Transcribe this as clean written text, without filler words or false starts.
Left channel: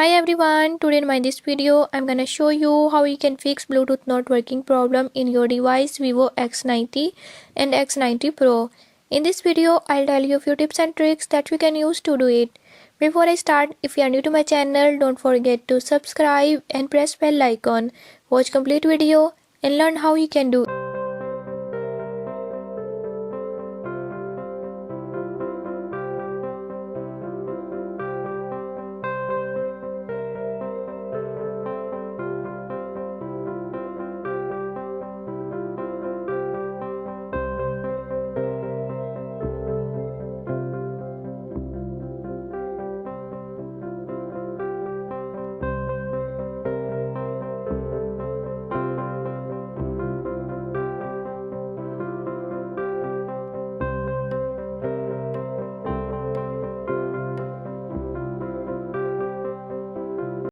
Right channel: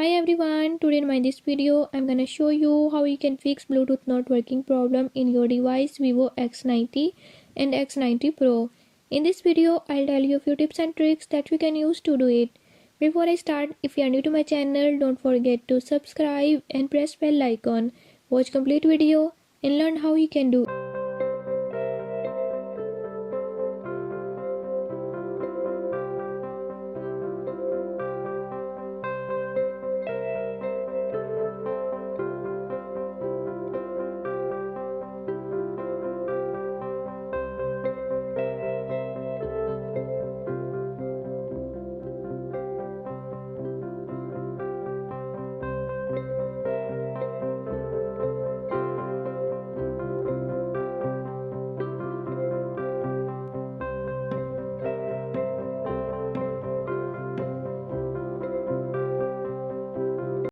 Hi everyone, today in this video I'm gonna show you how you can fix Bluetooth not working problem in your device Vivo X90 and X90 Pro. In this video I'll tell you a few tips and tricks that you can use to do it. Before I start, if you are new to my channel, don't forget to subscribe and press bell icon. Watch complete video and learn how you can do it.